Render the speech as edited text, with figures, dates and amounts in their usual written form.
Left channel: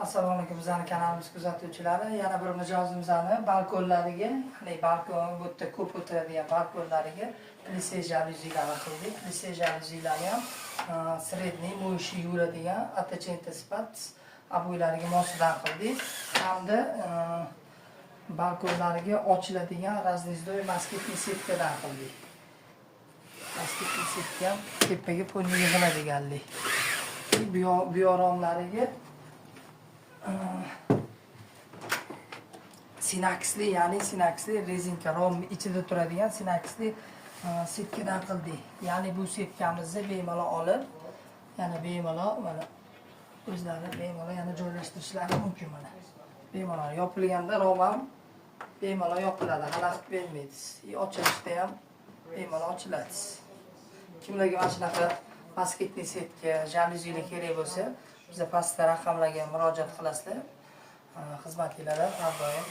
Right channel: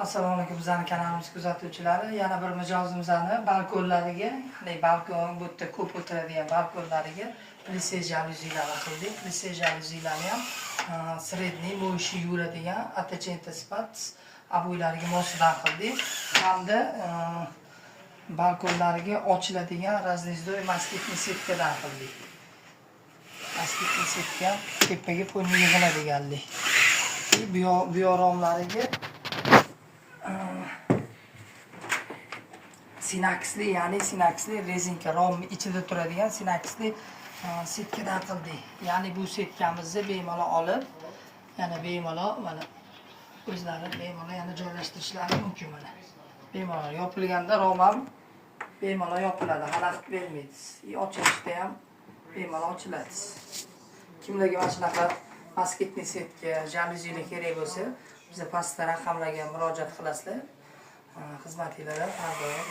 Assalomu alaykum bizning kanalimiz kuzatuvchilari. Yana bir mijozimizni balkonlariga, ya'ni balkon bu yerda ko'p o'tiradigan balkonlariga plise jaluzilar qildik. Plise jaluzilarni ham sredniy bo'yishi yuradigan atachenta spat abo'ylariga mosdan qildik. Hamda balkonlariga ochiladigan raznizdoy moskitni setkadan qildik. Moskitni setka tepaga ponni yig'iladiganlik. Bu yoromlariga sinaksli, ya'ni sinaksli rezinka rom ichida turadigan sinaksli setkadan qildik. Ya'ni bu setkamizni bemalol olib, yana bemalol mana o'zlari bemalol yana joylashtirishlari mumkin mana. Bemalol yopilganda rom ham bemalol yopiladi, xalaqit bermaydi. Ochilishda ham bemalol ochiladi. Kimlarga mana shunaqa moskitli setka, jaluzilar kerak bo'lsa, biza pastda raqamlarga murojaat qilasizlar. Xizmatingizda har doim